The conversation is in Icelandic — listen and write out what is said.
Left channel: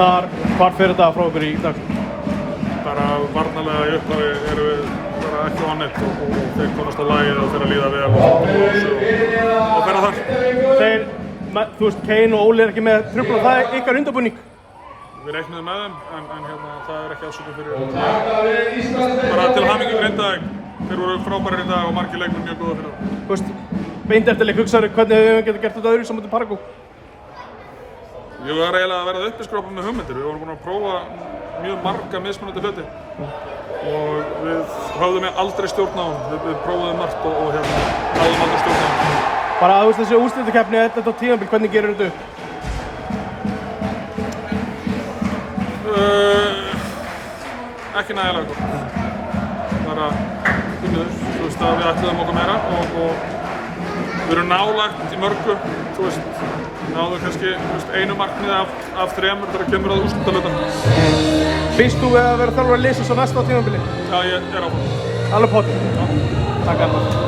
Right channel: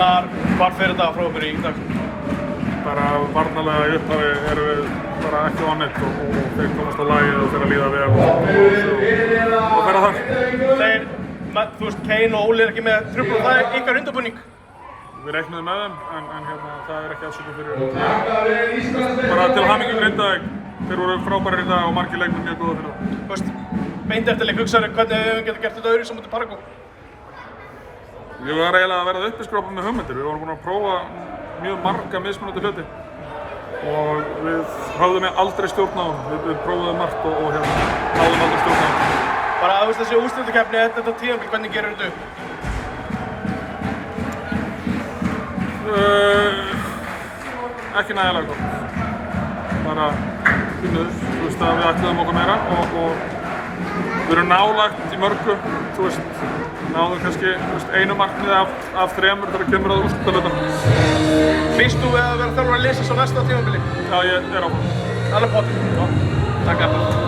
Arnar, hvar fyrir þetta frá okkur í dag? Bara varnarlega í upphafi erum við bara ekki á neitt og þeir komast á lagið og fyrir að líða vel og vera þar. Þeir, þú veist, Kane og Óli ekki með trufla, það ykkar undirbúning? Við reiknuðum með þeim en það ekki afsökun fyrir bara til hamingju Grindavík. Þeir voru frábærir í dag og margir leikmenn mjög góða fyrir það. Þú veist, beindertileg hugsaður, hvernig við getum gert þetta öðru sem mútið Paraguay? Ég var eiginlega að verða uppiskrópa með hugmyndir. Við vorum búin að prófa mjög marga mismunandi hluti og við höfðum aldrei stjórn á honum. Við prófuðum margt og náðum aldrei stjórn á honum. Bara að þessi úrslitakeppni, þetta tímabil, hvernig gerir þetta upp? Ekki nægilega gott. Bara kunnuður, þú veist að við ætluðum okkur meira og við erum nálægt í mörgu, þú veist, náðum kannski einu markmiði af þremur þegar kemur að úrslitahlutunum. Býst þú við að vera þarf að lesa svo næsta tímabili? Já, ég er áfram. Alveg potið? Já, takk.